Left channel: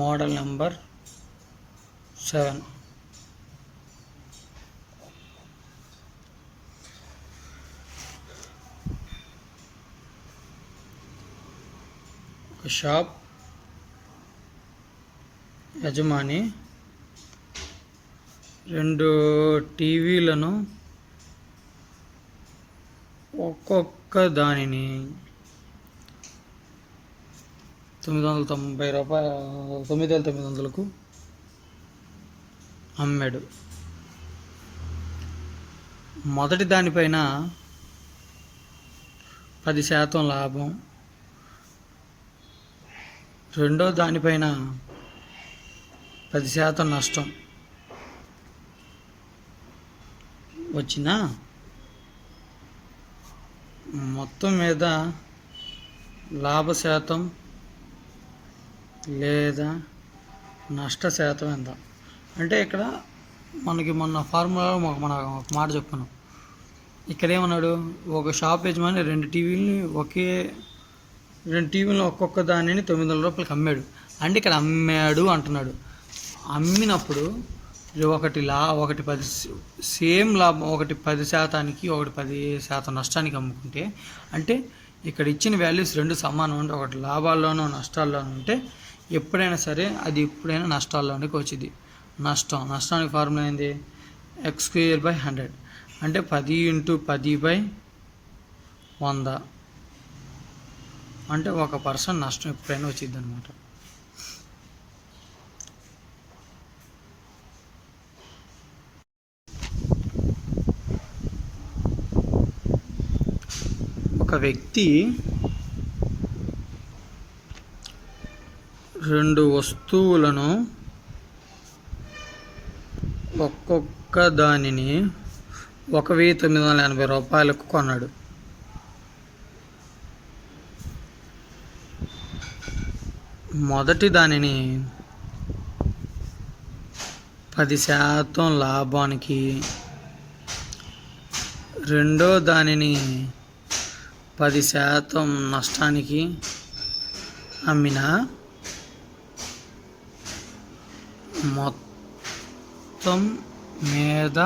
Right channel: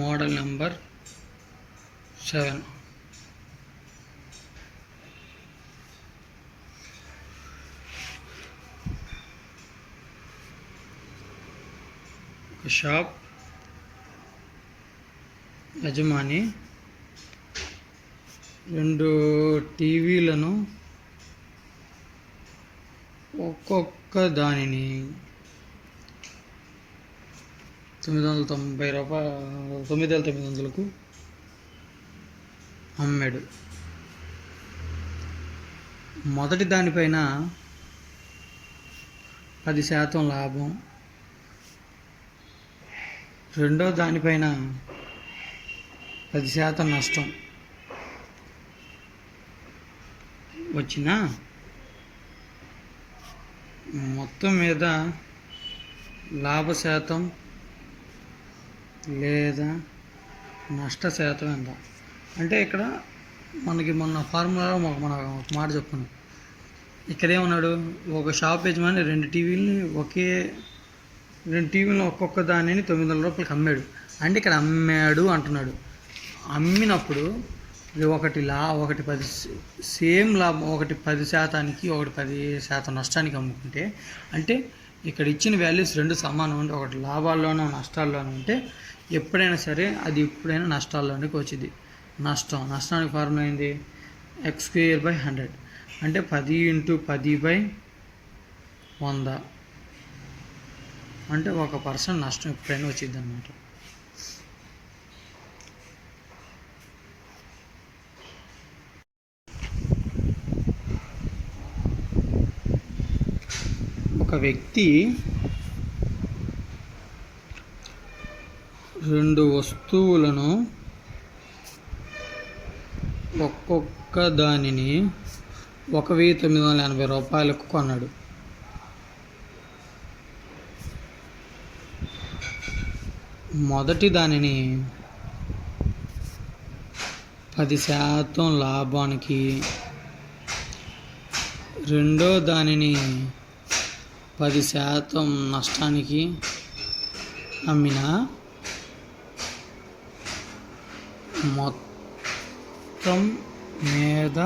Model number 7. Shop యజమాని 2 టీవీలను ఒక్కొక్క దానిని $990కు అమ్మాడు. మొదటి దానిపైన 10% లాభం, రెండో దానిపైన 10% నష్టం వచ్చినా మొత్తం మీద లాభ శాతం లేదా నష్ట శాతం ఎంత అంటే ఇక్కడ మనకి మొన్న ఫార్ములా మన మాట చెప్పాను. ఇక్కడ ఏమన్నాడు, ఒక షాప్ యజమాని 2 టీవీలను ఒక్కొక్క దానిని $900 అమ్మాడు. అంటే ఇక్కడ అమ్మాడు అంటున్నాడు. అమ్మినప్పుడు ఒకటి 10 సేమ్ లాభం, ఒకటి 10%కి ఒకటి 10% నష్టానికి అమ్ముకుంటే, అంటే ఇక్కడ ఇచ్చిన వాల్యూస్ 2 సమానం అంటే ఒకటి లాభాల్లోనూ నష్టాల్లోనూ ఉంటే ఎప్పుడైనా సరే అది ఎప్పుడైనా నష్టాల్లోనికి వచ్చింది. నష్టానికి ఫార్ములా ఏంది, x²/100 అంటే 10 × 10/100 అంటే 1% నష్టం ఎప్పుడైనా వచ్చింది అనమాట. ఒక వ్యక్తి 2 వస్తువులను ఒక్కొక్క దానిని $1980కు కొన్నాడు. మొదటి దానిని 10% లాభానికి, రెండో దానిని 10% నష్టానికి అమ్మిన మొత్తం మీద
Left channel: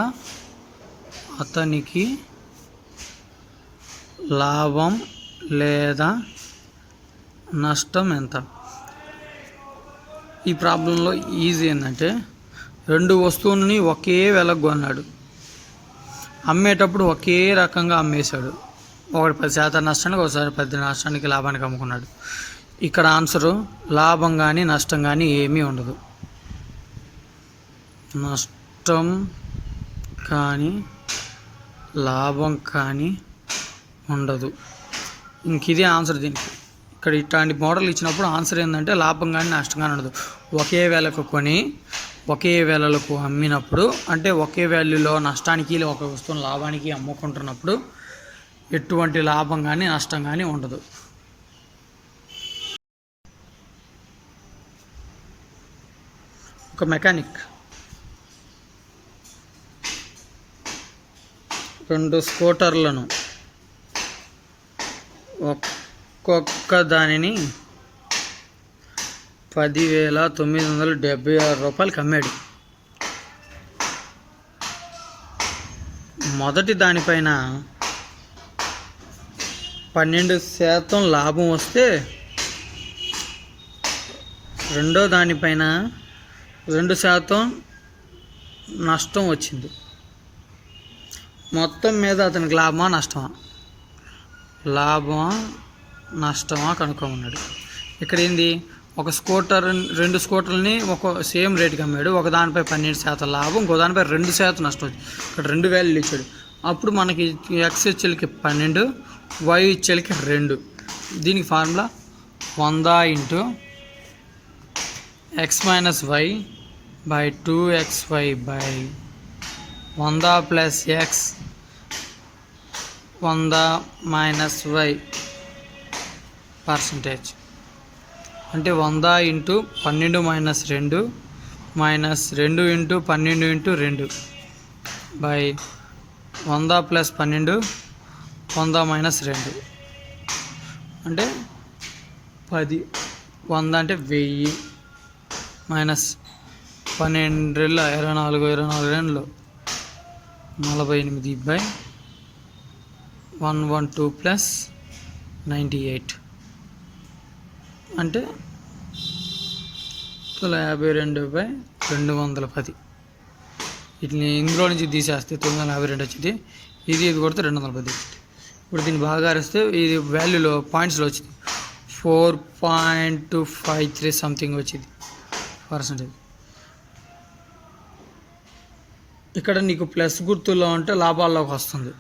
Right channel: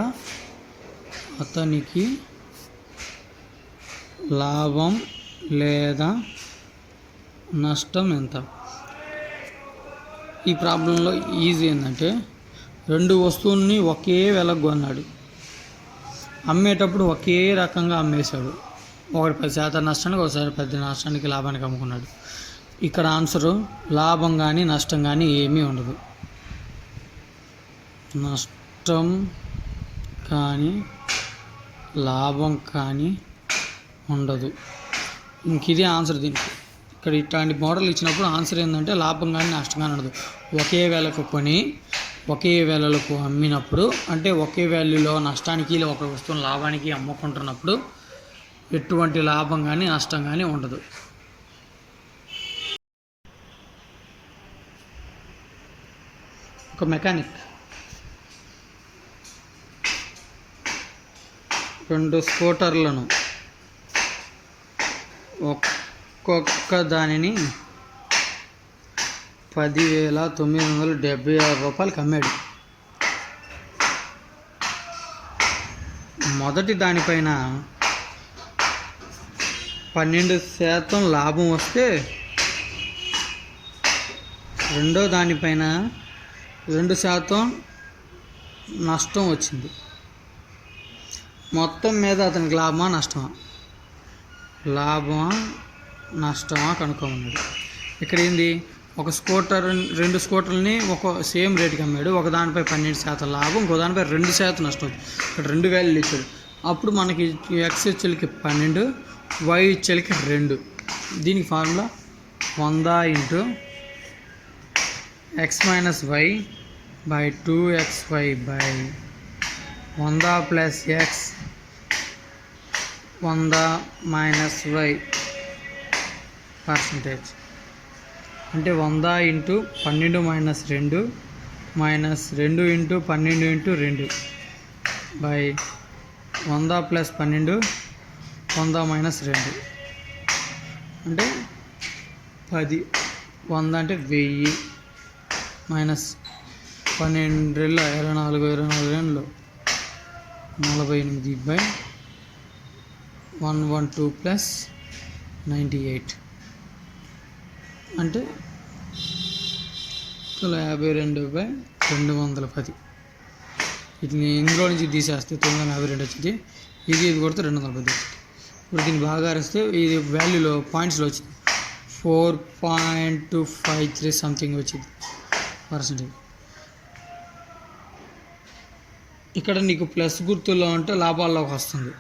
అతనికి లాభం లేదా నష్టం ఎంత? ఈ ప్రాబ్లంలో ఈజీ ఏంటంటే 2 వస్తువులని ఒకే వెలకు కొన్నాడు, అమ్మేటప్పుడు ఒకే రకంగా అమ్మేశాడు. ఒకటి 10% నష్టానికి, ఒకసారి 10 నష్టానికి లాభానికి అమ్ముకున్నాడు. ఇక్కడ ఆన్సరు లాభం కానీ నష్టం కానీ ఏమీ ఉండదు. నష్టం కానీ లాభం కానీ ఉండదు. ఇంక ఇదే ఆన్సర్ దీనికి. ఇక్కడ ఇట్లాంటి మోడల్ ఇచ్చినప్పుడు ఆన్సర్ ఏంటంటే లాభం కానీ నష్టం కానీ ఉండదు. ఒకే వేలకు కొని ఒకే వేలకు అమ్మినప్పుడు, అంటే ఒకే వాల్యూలో నష్టానికి ఒక వస్తువును లాభానికి అమ్ముకుంటున్నప్పుడు ఎటువంటి లాభం కానీ నష్టం కానీ ఉండదు. ఒక మెకానిక్ 2 స్కూటర్లను ఒక్కొక్క దానిని $10,976కు అమ్మాడు. మొదటి దానిపైన 12% లాభం వస్తే, రెండో దానిపైన 2% నష్టం వచ్చింది. మొత్తం మీద అతనికి లాభమా నష్టమా? లాభమా నష్టమా కనుక్కోమన్నాడు. ఇక్కడ ఏంది, 2 స్కూటర్లని ఒక సేమ్ రేటుకి అమ్మాడు. ఒక దానిపై 12% లాభం, ఇంకో దానిపై 2% నష్టం. ఇక్కడ 2 వాల్యూలు ఇచ్చాడు. అప్పుడు మనకి x ఇచ్చేలకి 12, y ఇచ్చేలకి 2. దీనికి formula 100 × x - y/2xy/100 + x 100 - y percentage అంటే 100 × 12 - 2 -2 × 12 × 2 100 + 12 100 - 2 అంటే 10. 100 అంటే 1000, మైనస్ 12 రెళ్ళ 24 48/112 ప్లస్ 98 అంటే 52/210. వీటిని ఇందులో నుంచి తీసేస్తే 952 వచ్చింది. ఇది కొడితే 210. ఇప్పుడు దీన్ని బాగా అరిస్తే ఇది వాల్యూలో పాయింట్స్లో వచ్చింది 4.253 సంథింగ్ వచ్చింది పర్సెంటేజ్. ఇక్కడ నీకు ప్లస్ గుర్తుల్లో ఉంటే లాభాల్లోకి వస్తుంది.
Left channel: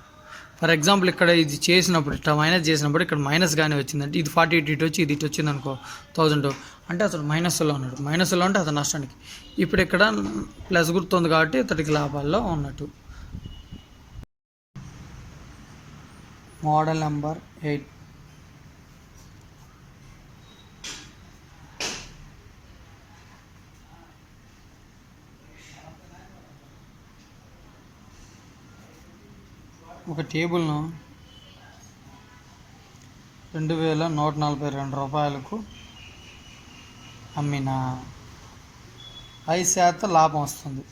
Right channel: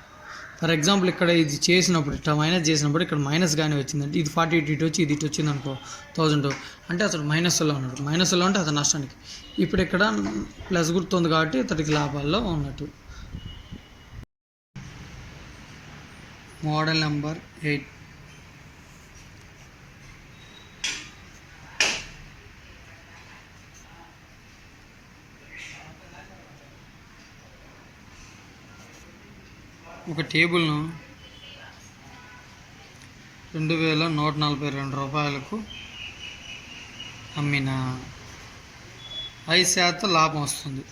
ఫర్ ఎగ్జాంపుల్ ఇక్కడ ఇది చేసినప్పుడు ఇట్లా మైనస్ చేసినప్పుడు ఇక్కడ మైనస్ కానీ వచ్చిందంటే ఇది 48 ఇటు వచ్చి ఇది ఇటు వచ్చింది అనుకో 1000 అంటే అతడు మైనస్లో ఉన్నాడు. మైనస్లో ఉంటే అతను నష్టానికి. ఇప్పుడు ఇక్కడ ప్లస్ గుర్తుంది కాబట్టి ఇతడికి లాభాల్లో ఉన్నట్టు. Model number 8. ఒక టేబుల్ను 2142 రూపాయలకు అమ్మిన 5% లాభం వస్తుంది.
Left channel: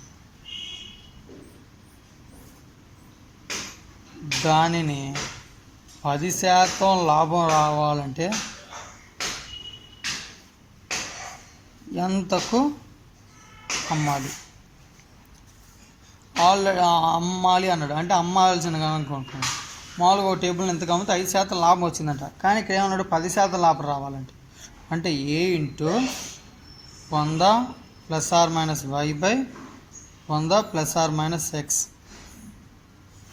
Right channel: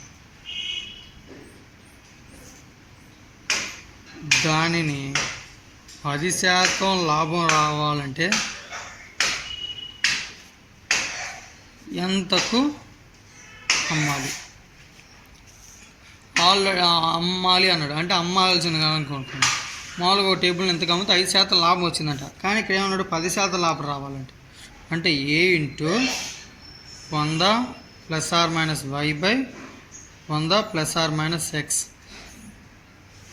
దానిని 10% లాభం రావాలంటే ఎంతకు అమ్మాలి? ఆల్రెడీ అమ్మాలి అన్నాడు అంటే అమ్మాల్సింది కానీ అనుకుంటున్నాను. మామూలుగా ఒక టేబుల్ ఎంతకు అమ్మితే 5% లాభం వచ్చిందంట. కానీ ఇక్కడ ఏమన్నాడు 10% లాభం రావాలంటే అంటే A × 100 ± y/100 ± x.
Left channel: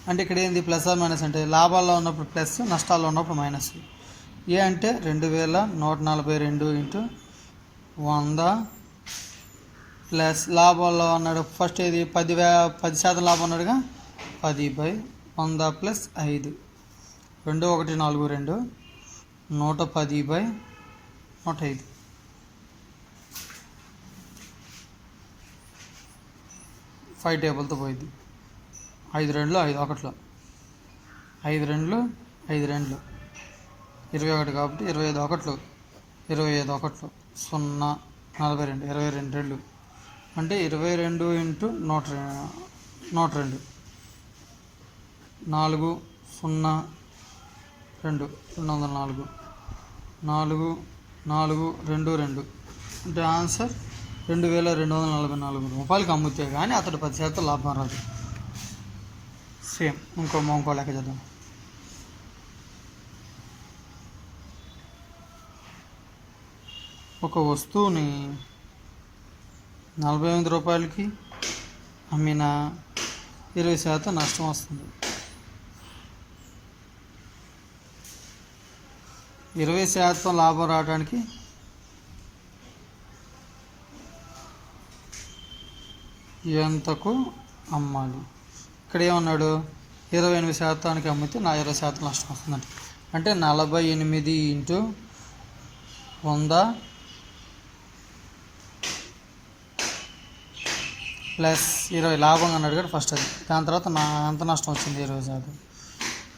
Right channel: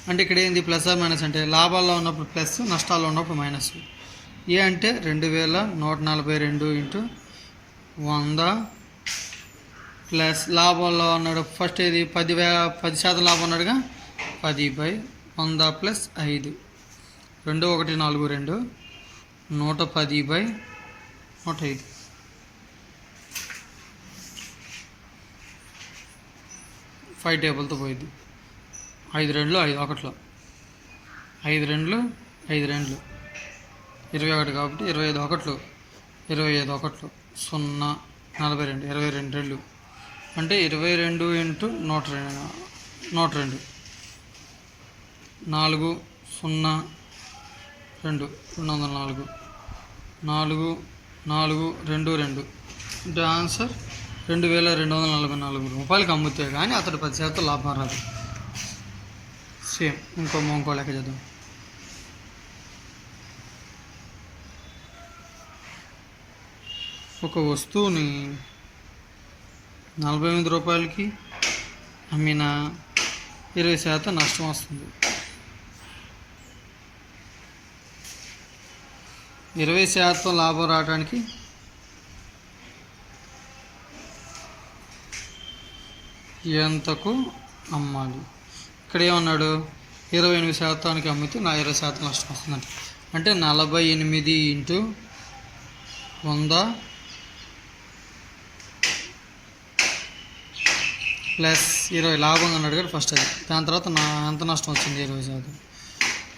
అంటే ఇక్కడ ఏంది ప్లస్ ఆర్ మైనస్ అంటే లాభాల్లో ఉన్నప్పుడు ప్లస్, నష్టాల్లో ఉన్నప్పుడు మైనస్. ఏ అంటే 2142 × 100 ప్లస్ లాభాల్లో ఉన్నాడు ఫస్ట్ ఏది 10% లాభం ఉన్నాడుగా 10/100 ప్లస్ 5 2142 110/105 5 టేబుల్తో పోయింది. 5 2 5 1 5 2 5 2 21 కాబట్టి 25 1 25 1 0 42 22 2 అంటే 22 × 102 4 0 2 204 4 4 2 2 అంటే ఆన్సర్ 2244 రూపాయలకి అమ్ముతే కానీ అతడు 10% లాభం రాదు. సేమ్ ఇంకో లెక్క చేద్దాం. ఒక వస్తువుని 48 రూపాయలకి అమ్మిన 20% నష్టం వస్తుంది. 20% లాభం రావడానికి ఎంతకు అమ్మాలి? ఇక్కడ ఏమన్నాడు 28% అమ్మితే నా 20% నష్టం వస్తుందంట. అంటే 48 × 100 ప్లస్ 20 లాభం అన్నాడు కదా ఫస్ట్ అది. దాని తర్వాత ఎంత నష్టం వచ్చింది 20%.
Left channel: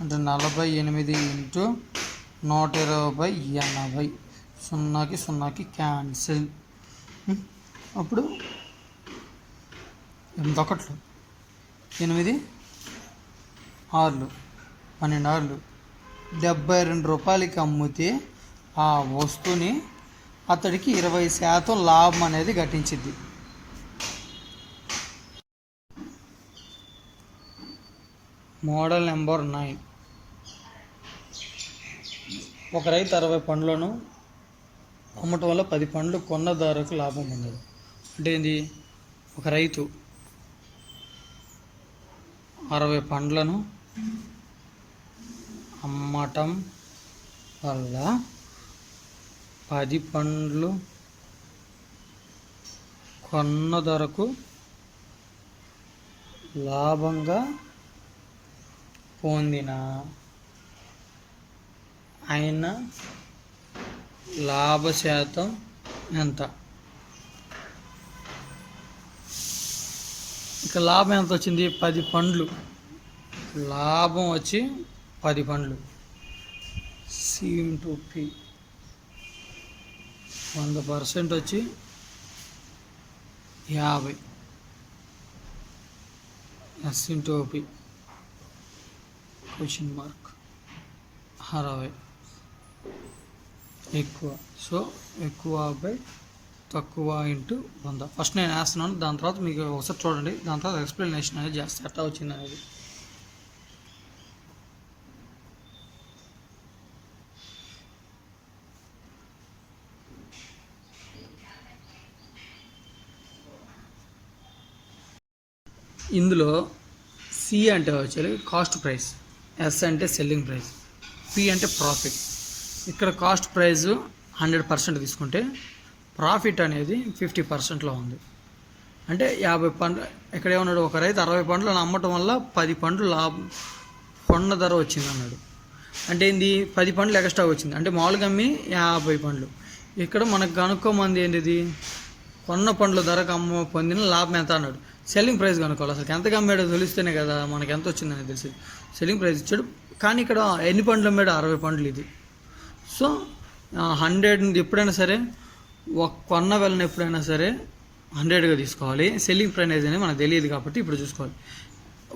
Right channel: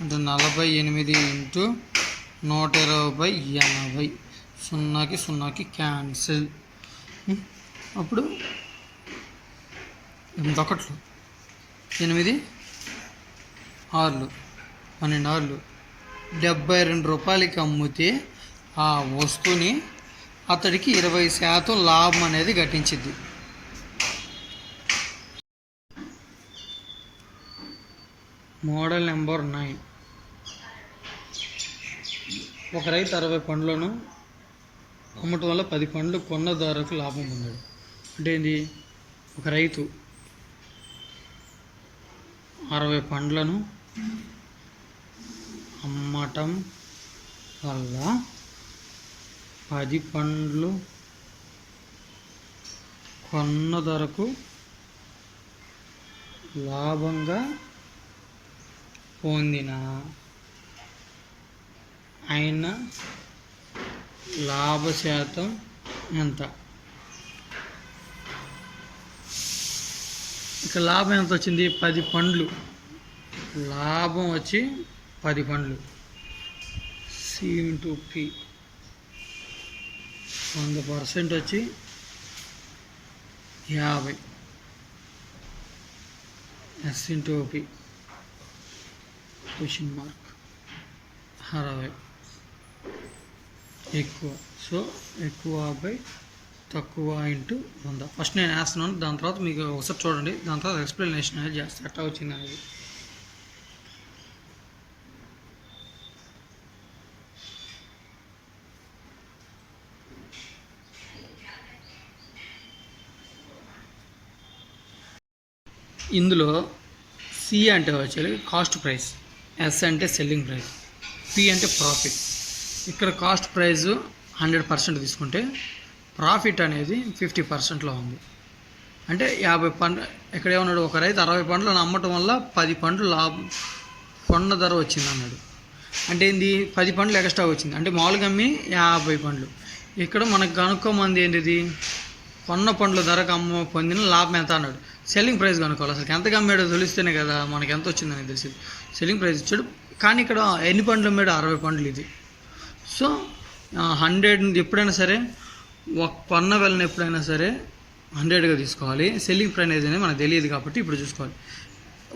అంటే 48 × 120/80 0కి 0కి క్యాన్సిల్. అప్పుడు 8 1 8 6 12 72 రూపాయలకి అమ్మితే ఆ వస్తువుని అతడికి 20% లాభం అనేది ఘటించింది. Model number 9. ఒక రైతు 60 పండ్లను అమ్మటం వల్ల 10 పండ్లు కొన్నదారుకు లాభం పొందాడు. అంటే ఏంది? ఒక రైతు 60 పండ్లను అమ్మటం వల్ల 10 పండ్లు కొన్న ధరకు లాభంగా పొందిన ఆయన లాభ శాతం ఎంత? ఇక లాభం ఎంత వచ్చింది? 10 పండ్లు. లాభం వచ్చి 10 పండ్లు. C × P 100% వచ్చి 50 S into P question mark 60 ఎక్కువ. సో ఎక్కువ బై తక్కువ ఇంటూ 100. ఫస్ట్ నేను వేస్తున్నాను, దాని తర్వాత మీకు ఒకసారి చూడండి, దాని తర్వాత ఎక్స్ప్లెనేషన్ అనేది చేస్తే ఎట్లా వచ్చింది అనేది. ఇందులో సి అంటే వచ్చేది కాస్ట్ ప్రైస్, ఎస్ అంటే సెల్లింగ్ ప్రైస్, పి అంటే ప్రాఫిట్. ఇక్కడ కాస్ట్ ప్రైస్ 100% తీసుకుంటే ప్రాఫిట్ అనేది 50%లో ఉంది. అంటే 50 పండ్లు ఇక్కడ ఏమన్నాడు, ఒక రైతు 60 పండ్లు అమ్మటం వల్ల 10 పండ్లు లాభం కొన్న ధర వచ్చింది అన్నాడు. అంటే ఏంది, 10 పండ్లు ఎక్స్ట్రా వచ్చింది. అంటే మామూలుగా అమ్మి 50 పండ్లు. ఇక్కడ మనకు కనుక్కోమంది ఏంటిది, కొన్న పండ్ల ధరకు పొందిన లాభం ఎంత అన్నాడు. సెల్లింగ్ ప్రైస్ కనుక్కోవాలి. అసలు ఎంతగా అమ్మాడో తెలిస్తేనే కదా మనకి ఎంత వచ్చిందని తెలిసింది. సెల్లింగ్ ప్రైస్ ఇచ్చాడు, కానీ ఇక్కడ ఎన్ని పండ్లు అమ్మాడు, 60 పండ్లు ఇది. సో 100 ఎప్పుడైనా సరే కొన్న వెళ్ళని ఎప్పుడైనా సరే 100గా తీసుకోవాలి. సెల్లింగ్ ప్రైస్ అనేది మనకు తెలియదు కాబట్టి ఇప్పుడు చూసుకోవాలి.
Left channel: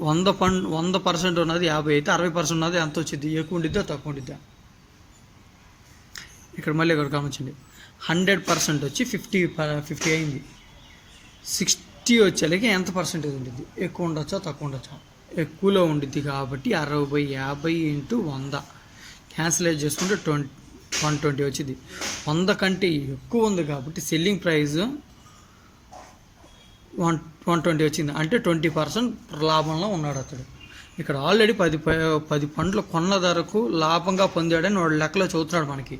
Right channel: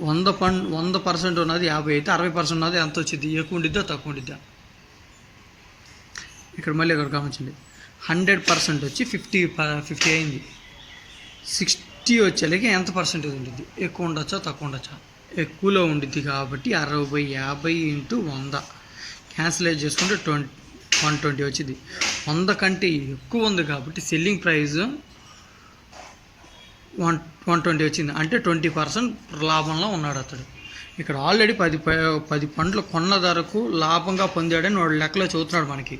100% ఉన్నది 50 అయితే 60% ఉన్నది ఎంత వచ్చింది, ఎక్కువ ఉండిద్దా తక్కువ ఉండిద్దా. ఇక్కడ మళ్ళీ ఇక్కడ గమనించండి, 100% వచ్చి 50 అయింది. 60 వచ్చేలాకి ఎంత పర్సెంటేజ్ ఉంటుంది, ఎక్కువ ఉండొచ్చా తక్కువ ఉండొచ్చా, ఎక్కువలో ఉండిద్ది కాబట్టి 60/50 ఇంటూ 100 క్యాన్సిలేట్ చేసుకుంటే 120 వచ్చింది. 100 కంటే ఎక్కువ ఉంది కాబట్టి సెల్లింగ్ ప్రైస్ 120 వచ్చింది. అంటే 20% లాభంలో ఉన్నాడు అతడు. ఇక్కడ ఆల్రెడీ 10 పండ్లు కొన్న ధరకు లాభంగా పొందాడని వాడు లెక్కలో చదువుతున్నాడు. మనకి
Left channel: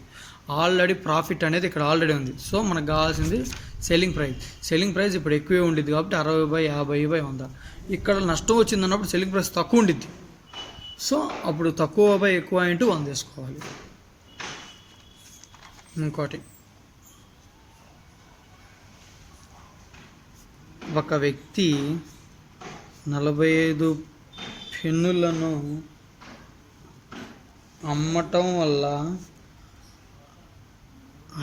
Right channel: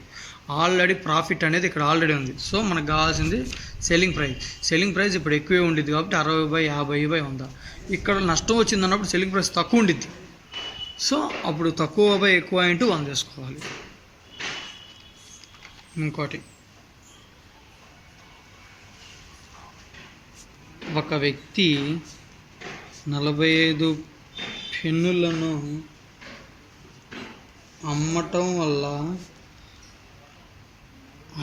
ఆల్రెడీ ప్రాఫిట్ అనేది ఇక్కడ ఆల్రెడీ ఉంది. సో మనకు కావాల్సింది సెల్లింగ్ ప్రైస్. సెల్లింగ్ ప్రైస్ ఇప్పుడు ఎక్కువే ఉండిద్ది కాబట్టి 60/50/100. ఇక్కడ నష్టం వచ్చింది అన్నప్పుడు సెల్లింగ్ ప్రైస్ తక్కువ ఉండిద్ది. సో అప్పుడు తక్కువ ఎక్కువ ఇంటూ 100 వేసుకోవాలి. ఇంకోటి, ఒక వ్యక్తి 45 పెన్నులను అమ్మటం వల్ల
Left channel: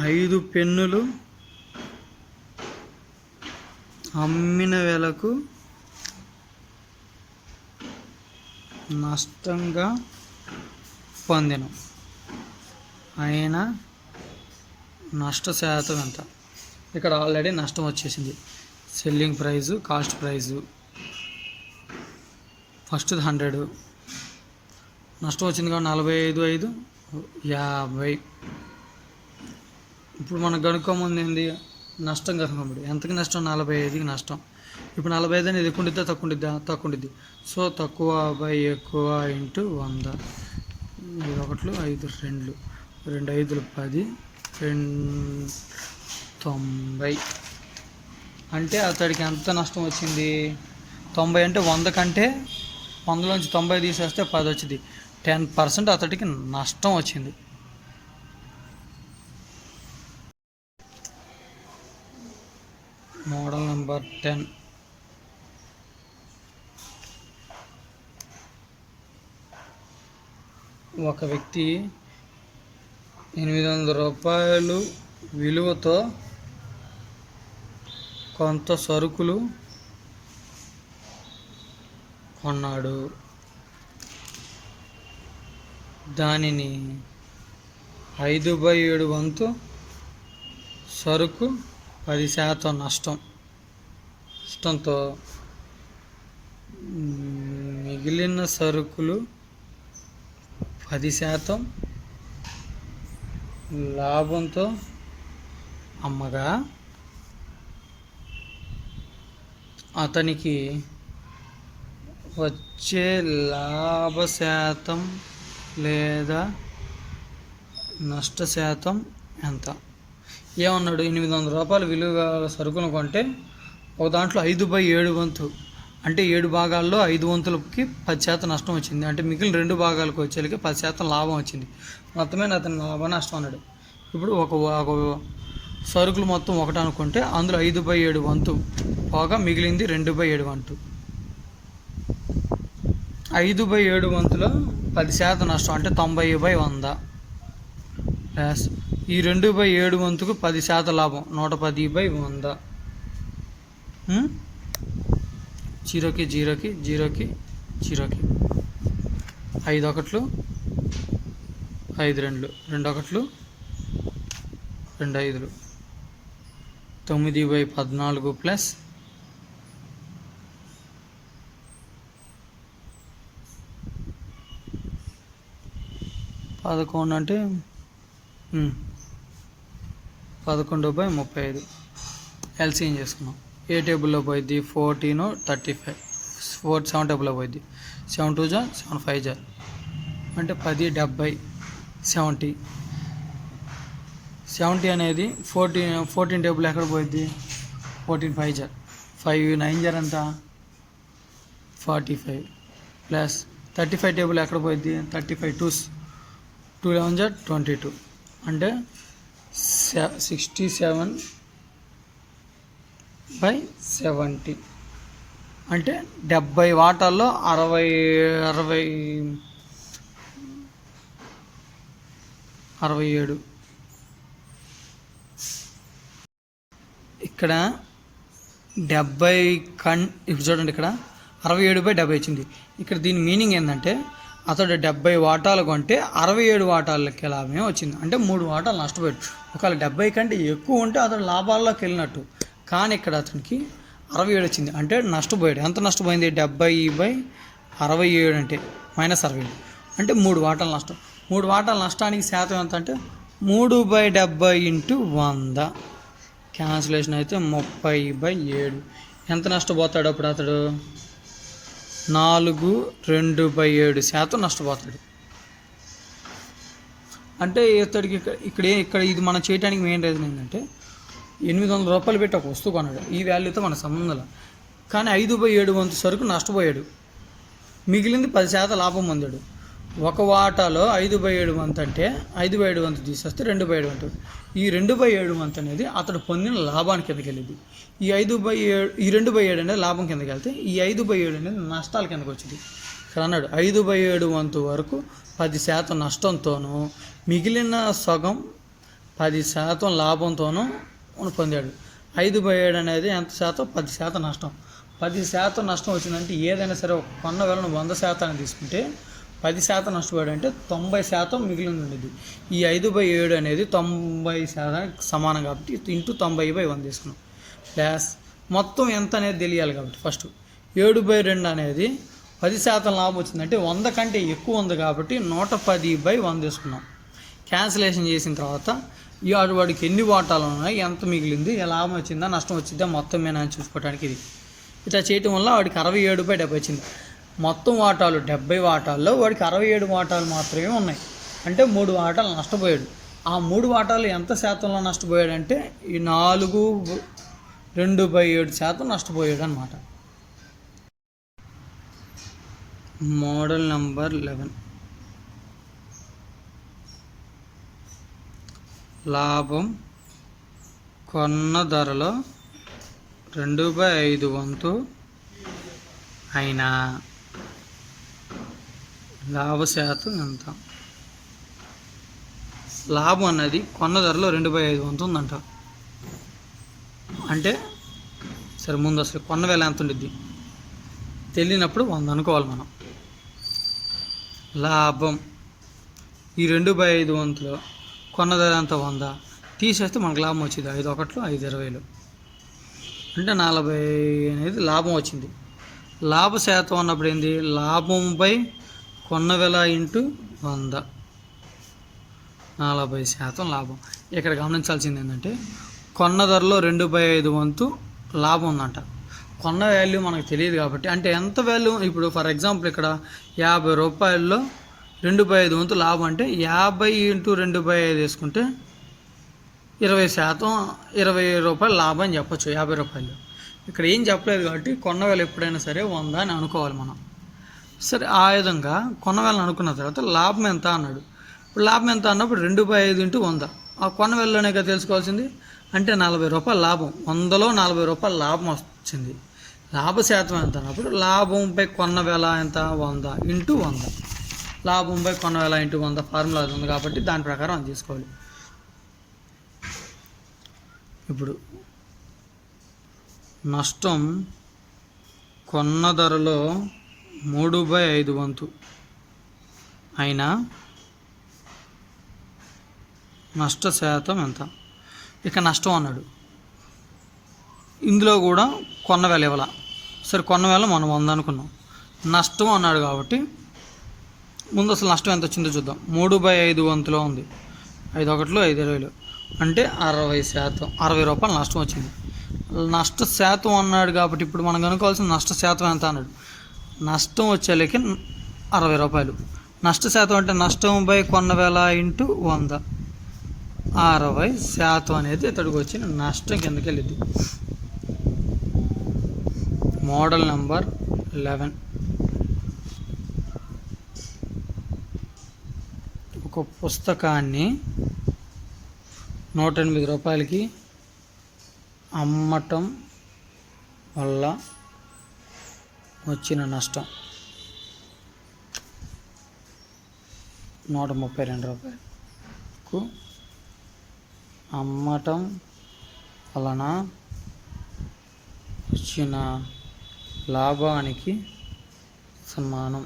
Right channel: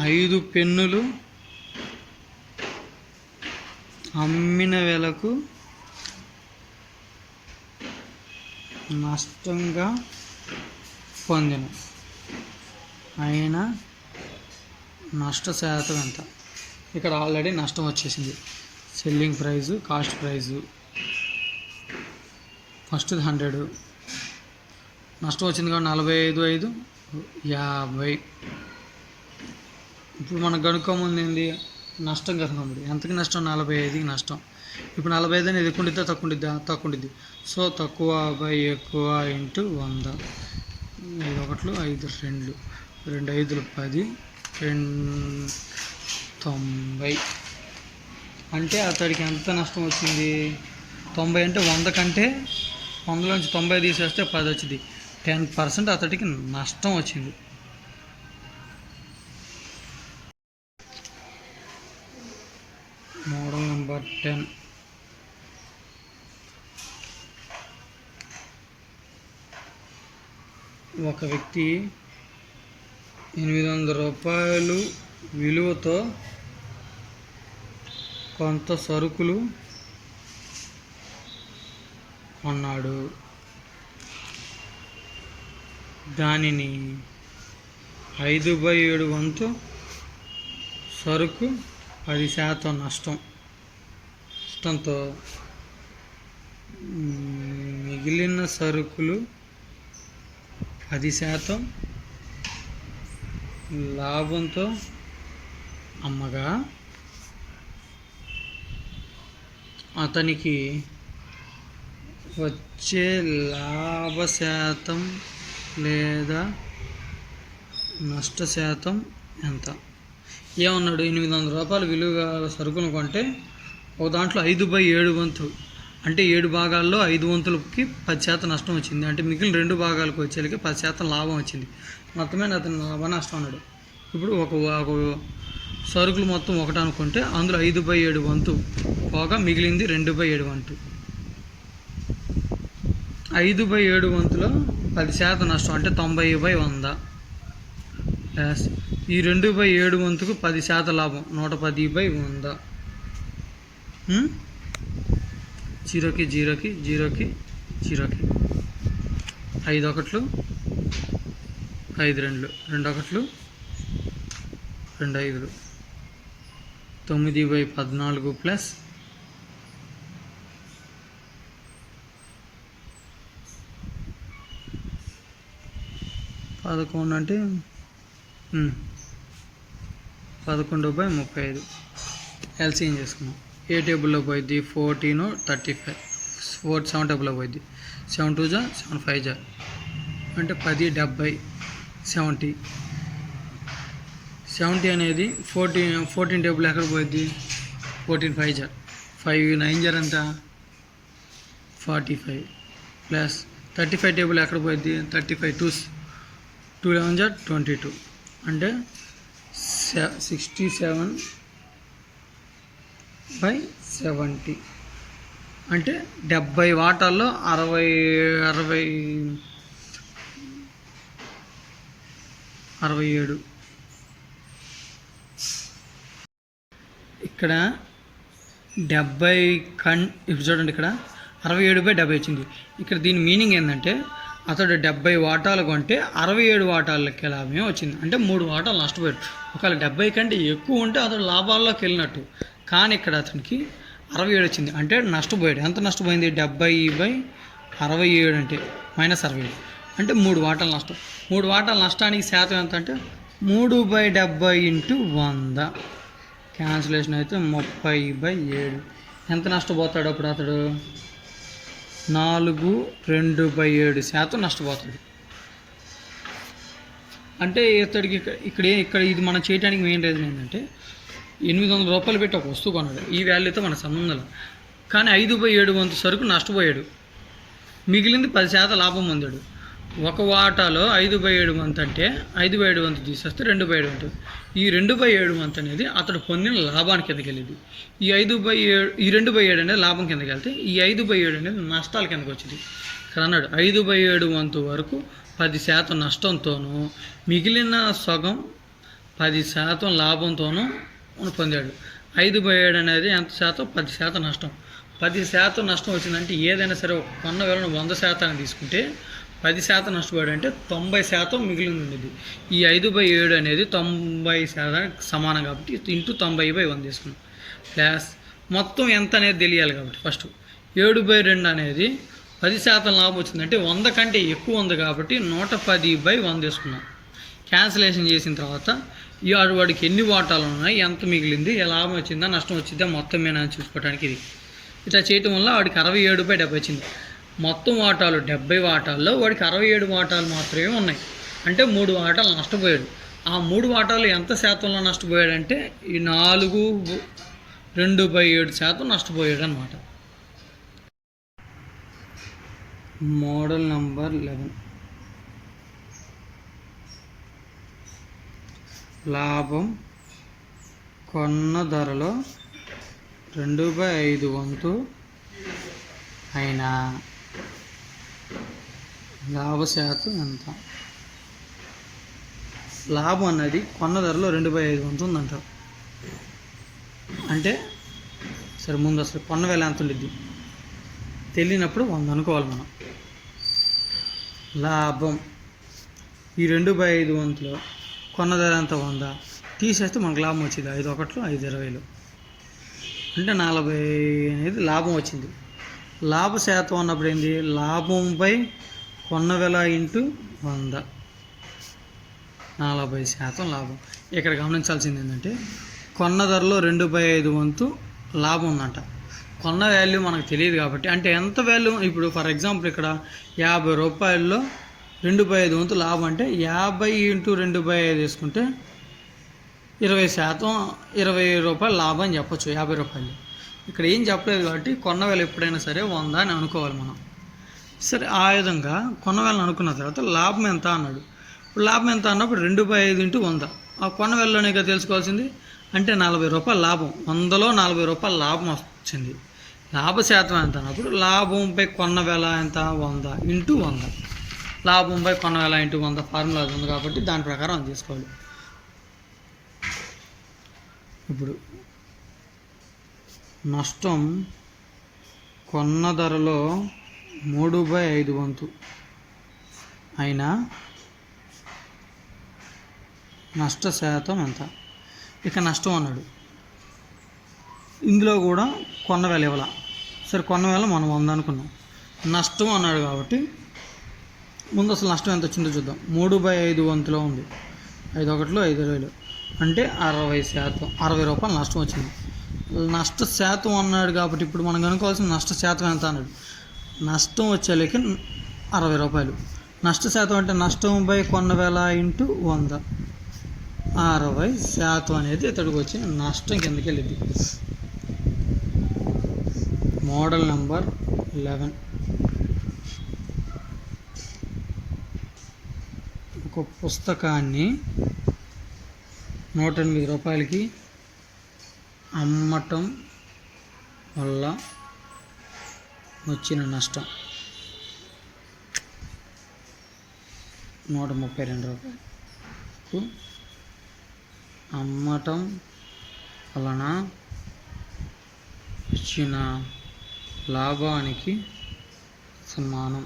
5 పెన్నులు అమ్మిన వేలకు నష్టంగా పొందిన ఆయన నష్ట శాతం ఎంత. ఇక్కడ ఆల్రెడీ నష్టం వచ్చేసింది. Selling price, cost price, first 100 నష్టం వచ్చింది కాబట్టి 45/5 50. ఇప్పుడు మనకు కనుక్కోముందు ఏంది, నష్టం కనుక్కోముందు ఎంతకి నష్టం, 45కి నష్టం. ఇప్పుడు 45 అనేది ఎక్కువ ఉండిద్దా తక్కువ ఉండిద్దా, తక్కువ ఉండిద్ది. సో తక్కువ బై ఎక్కువ ఇంటూ 100. 1 5 2 2 5 10 90. అంటే అతడికి ఎంత నష్టం వచ్చింది, 90. అంటే 100 కంటే 100లోంచి 90 తీసేస్తే 10 వచ్చింది. 10% అతడికి నష్టం వచ్చింది. Model number 10. ఒక వ్యక్తి 800 రూపాయలు విలువతో కొంత సరుకులు కొన్నాడు. దానిని 5/7 వంతు సరుకు 10% నష్టంతో మిగిలిన సరుకులు 10% లాభంతో అమ్మగా అతనికి వచ్చే లాభ శాతం లేదా నష్ట శాతం ఎంత. ఏమన్నాడు, 800 రూపాయలు విలువ సరుకులు కొంటే ఒక దాంట్లో 5/7 వంతు అంటే 7 భాగాల్లో 5 వంతులకి 10% నష్టం వచ్చింది. అంటే మిగిలిన 2 భాగాలకు వచ్చేకి 10% లాభం వచ్చింది. మొత్తమే అతను లాభ నష్టం అన్నాడు. ఇప్పుడు ఒక సరుకులు మొత్తం ఒకటి అనుకుంటే అందులో 5/7 వంతు పోగా మిగిలింది 2/7 వంతు. 5/7 వంతులో 10% నష్టం అంటే 90/100 ప్లస్ ఈ 2/7 వంతుకు 10% లాభం 110/100 జీరోకి జీరోకి జీరోకి జీరోకి 5 ఒకట్లు 5 రెండులు 2 ఒకట్లు 2 ఐదులు 9/14 ప్లస్ 11 అంటే 11/35 ఎల్సిఎం చేసుకున్నాం. ఏ టేబుల్లో పోయిద్ది 14 35 7 టేబుల్లో పోయిద్ది 7 2 7 5 అంటే 10 70 70 అనేది 14 టేబుల్ ఎక్కడ పోయిద్ది 14 5 5 9 ఎంత 45 ప్లస్ 35 టేబుల్ ఎక్కడ పోయిద్ది 35 2 11 22 అంటే 67/70 అంటే 70 వాటాల్లో 67. ఇక్కడ 70 ఇప్పుడు చూడండి, ఇక్కడ 67/70 వచ్చింది. ఇక్కడ దీని మీనింగ్ ఏంటంటే అతడు 70 వాటాలు కొంటే 67 వాటాలకి లాభమే వచ్చింది. అంటే 3 వాటాలు నష్టపోయాడు. ఒకవేళ 70 కంటే ఎక్కువ ఉంటే అతడు లాభాల్లోకి వెళ్ళినట్టు. కానీ ఇక్కడ అతనికి 67 వచ్చింది అంటే నష్టపోయాడు. ఎంత నష్టపోయింది 70/67 అంటే -60 అంటే 3 వాటాలు నష్టం. 3 వాటాల నష్టానికి శాతం ఎంత అంటే 3/70 × 100 క్యాన్సిలేషన్ అయితే 30/7. ఎంత నష్టపోతాడు అప్పుడు అతడు 4/2/7 నష్టపోతాడు. అంటే ఇతడికి ఇక్కడ ఇది మనం చేయడానికి మెయిన్ రీజన్ ఏంటంటే 800 రూపాయలు పెట్టి ఒక వస్తువు కొన్నాడు. ఈ వాల్యూతో మన సంబంధం. కానీ 5/7 వంతు సరుకు నష్టపోయాడు. మిగిలింది 10% లాభం పొందాడు. ఒక వాటాలో 5/7 వంతు అంటే 5/7 వంతు తీసేస్తే 2/7 వంతు. ఈ 2/7 వంతు అనేది అతడు పొందిన లాభానికి కిందకి వెళ్ళింది. ఈ 2/7 అనేది లాభం కిందకి వెళ్తే ఈ 5/7 అనేది నష్టాల కిందకి వచ్చింది. ఇక్కడ అన్నాడు 5/7 వంతు వరకు 10% నష్టంతోనూ మిగిలిన సగం 10% లాభంతోనూ పొందాడు. 5/7 అనేది ఎంత శాతం 10% నష్టం. 10% నష్టం వచ్చిందంటే ఏదైనా సరే కొన్న వేళను 100% తీసుకుంటే 10% నష్టపోయాడు అంటే 90% మిగిలింది ఉండేది. ఈ 5/7 అనేది 90% సమానం కాబట్టి ఇంటూ 90/100 తీసుకున్నాం. ప్లస్ మొత్తం ఎంత అనేది తెలియాలి కాబట్టి ఫస్ట్ 7/2 అనేది 10% లాభం వచ్చిందంటే 100 కంటే ఎక్కువ ఉంది కాబట్టి 110/100 తీసుకున్నాం. క్యాన్సిలేషన్ చేసిన తర్వాత వాడికి ఎన్ని వాటాలు ఉన్నాయి, ఎంత మిగిలింది, లాభం వచ్చిందా నష్టం వచ్చిందా మొత్తం మీద చూసుకోవడానికి ఇది. ఇట్లా చేయటం వల్ల వాడికి 67/70 వచ్చింది. మొత్తం వాటాలు 70 వాటాల్లో వాడికి 67 వాటాలు మాత్రమే ఉన్నాయి. అంటే 3 వాటాలు నష్టపోయాడు. ఆ 3 వాటాలు ఎంత శాతంలో నష్టపోయాడు అంటే ఈ 4/2/7 నష్టపోయాడు అన్నమాట. మోడల్ నెంబర్ 11 లాభం కొన్న ధరలో 2/5 వంతు అయినా లాభ శాతం ఎంత? లాభం అన్నది కొన్న ధరలో 2/5 వంతు ఉందంట. అంటే సరే ముందు అసలు కొన్న వేళ ఎంత ఉండిద్ది తెలియనప్పుడు 100 అనుకోవాలి మనం. లాభం ఈ 2/5 వంతులో కొన్న ధర ఎంత 100 తీసేస్తే మనకు లాభం వచ్చింది 5 ఒకట్లు 5 20 అంటే 40 అనేది లాభం వచ్చింది. లాభ శాతం అన్నప్పుడు ఏంది లాభంపై కొన్న వేళ ఇంటూ 100 40% లాభం. ఇక్కడ గమనించాల్సింది ఏంటంటే కొన్న ధరలో 2/5 వంతు లాభం ఉందంట. కొన్న వాల్యూ మనకు తెలియదు కాబట్టి అంటే ఎంత వాల్యూ ఇప్పుడు ఫర్ ఎగ్జాంపుల్ ఇక్కడ 50 రూపాయల్లో 2/5 వంతు లాభం అంటే 50 × 2/5 వేసుకుంటే 20% 20 రూపాయలు లాభం అని చెప్పచ్చు 50 రూపాయలు. ఇక్కడ ఏం చెప్పలేదు కాబట్టి కొన్న వేళ ఎప్పుడైనా సరే 100 అని అనుకోవాలి మనం. సరే ఆ విధంగా కొన్న వేళను అనుకున్న తర్వాత లాభం ఎంత అన్నాడు. ఇప్పుడు లాభం ఎంత అన్నప్పుడు 2/5 × 100 ఆ కొన్న వేళలోనే కదా తెలుసుకోవాల్సింది. అంటే 40 రూపాయలు లాభం, 100లో 40 రూపాయలు లాభం వచ్చింది. లాభ శాతం ఎంత అన్నప్పుడు లాభంపై కొన్న వేళ ఎంత 100 × 100 లాభంపై కొన్న వేళ × 100 ఫార్ములా ఉంది కాబట్టి దాని ప్రకారం అది తీసుకోవాలి. ఇప్పుడు నష్టం కొన్న ధరలో 3/5 వంతు అయినా నష్ట శాతం ఎంత? ఇక నష్టం అన్నాడు. ఇందులో కూడా కొన్న వేల ఇవ్వాల. సరే కొన్న వేల మనం 100 అనుకున్నాం. నష్టం అన్నాడు కాబట్టి ముందు అసలు నష్టం ఎంత వచ్చిందో చూద్దాం. 3/5 వంతులో ఉంది. 5 ఒకటిలో 5 20 అంటే 60%, 60 రూపాయలు నష్టం వచ్చింది. నష్ట శాతం అన్నాడు కాబట్టి ఇప్పుడు మనం కనుక్కోవాల్సిన నష్ట శాతం ఎంత అన్నాడు. నష్టం వచ్చేలకి 60 రూపాయలు. నష్ట శాతం అంటే నష్టం బై కొన్న వేల ఇంటూ 100, 60% అనేది ఇతడికి వచ్చిన నష్టం కిందకి వెళ్ళింది. Model number 11. ఒక పుస్తకాన్ని 108 రూపాయలకి అమ్మటం వల్ల వచ్చిన నష్టం 132 రూపాయలకు అమ్మటం వలన వచ్చిన లాభానికి సమానం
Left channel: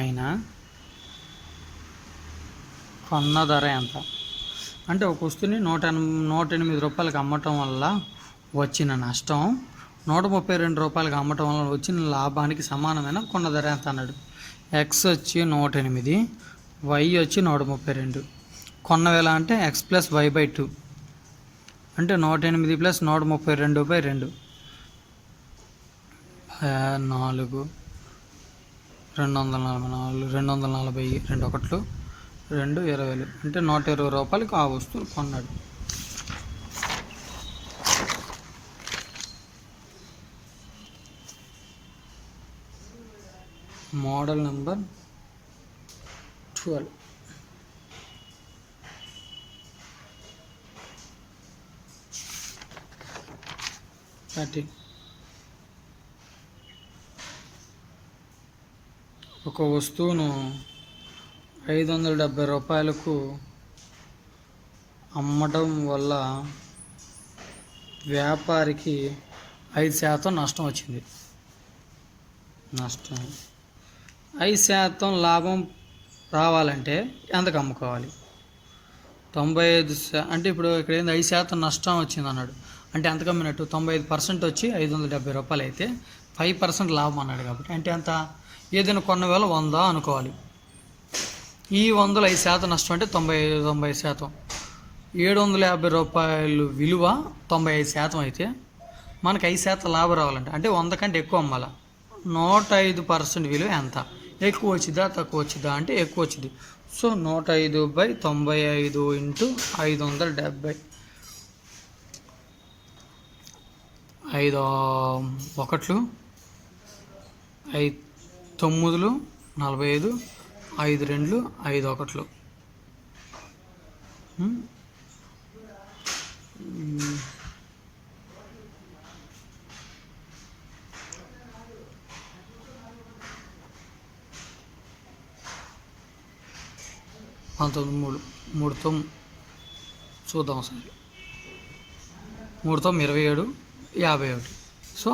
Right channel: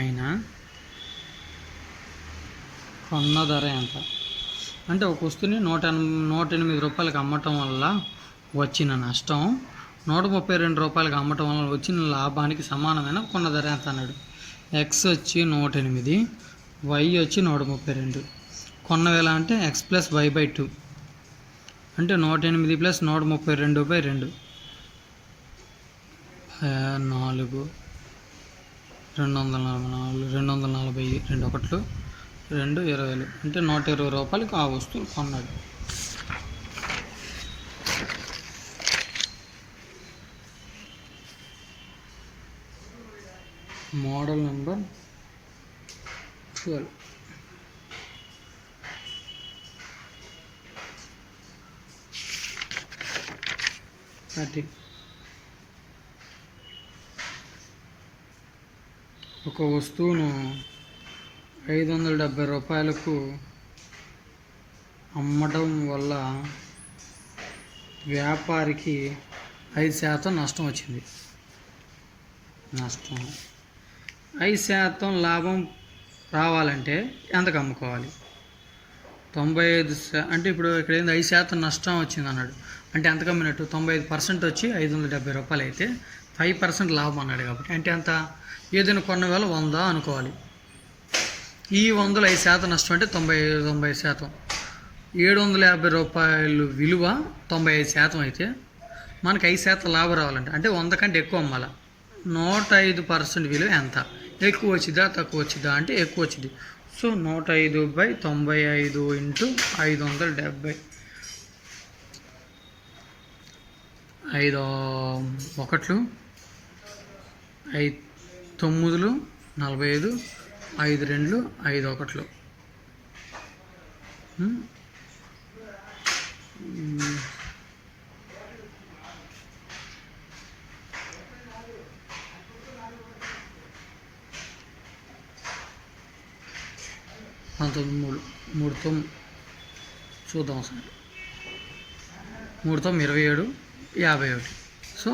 అయినా కొన్న ధర ఎంత? అంటే ఒక వస్తువుని 108 రూపాయలకి అమ్మటం వల్ల వచ్చిన నష్టం 132 రూపాయలకి అమ్మటం వల్ల వచ్చిన లాభానికి సమానమైన కొన్న ధర ఎంత అన్నాడు. ఎక్స్ వచ్చి 108, వై వచ్చి 132. కొన్న వేల అంటే ఎక్స్ ప్లస్ వై బై 2 అంటే 108 ప్లస్ 132/2 4 244 240 ఒకట్లు 2 20 అంటే 120 రూపాయలకి ఆ వస్తువు కొన్నాడు. Model number 12. ఒక వస్తువును 570 రూపాయలకు అమ్మడం వల్ల వ్యాపారికి 5% నష్టం వచ్చింది. 5% లాభం రావాలంటే ఎంతకు అమ్ముకోవాలి? 95 అంటే ఇప్పుడు ఇక్కడ ఏంది 5% నష్టం వచ్చింది అన్నాడు. అంటే ఎంత కమ్మినట్టు? 95% వచ్చి 570 రూపాయలు అయితే 5% లాభం అన్నాడు కాబట్టి అంటే ఎంత? ఏదైనా కొన్న వేల 100 అనుకోవాలి. ఈ 100లో 5% నష్టం అంటే 90%. 750 రూపాయలు విలువ 95% అయితే మనకి 5% లాభం రావాలంటే అంటే 100 కంటే ఎక్కువ అమ్మాలి. 105% విలువ ఎంత? ఎక్కువ వచ్చిందా తక్కువ వచ్చిందా అంటే ఎక్కువ వచ్చింది. So 105/95 into 570. 5 ఒకట్లు 5 9లు 45, 5 2 5 ఒకట్లు 19 3తో చూద్దాం సార్. 3తో 27 51. సో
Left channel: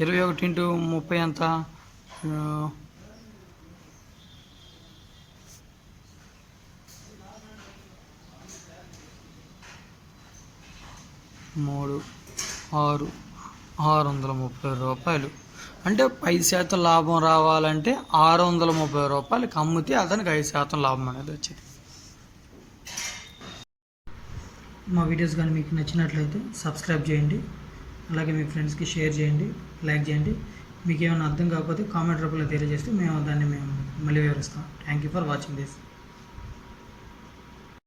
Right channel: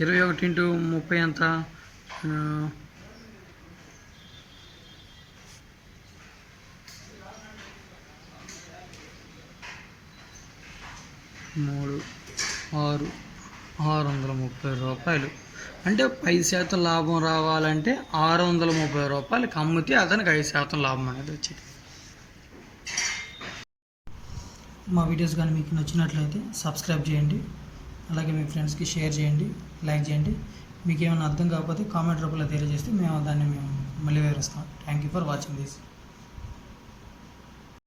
21 ఇంటూ 30 ఎంత? 3 6 630 రూపాయలు. అంటే 5% లాభం రావాలంటే 630 రూపాయలకి అమ్మితే అతనికి 5% లాభం అనేది వచ్చింది. మా వీడియోస్ కానీ మీకు నచ్చినట్లయితే సబ్స్క్రైబ్ చేయండి, అలాగే మీ ఫ్రెండ్స్కి షేర్ చేయండి, లైక్ చేయండి. మీకు ఏమైనా అర్థం కాకపోతే కామెంట్ రూపంలో తెలియజేస్తే మేము మళ్ళీ వివరిస్తాం. Thank you for watching this.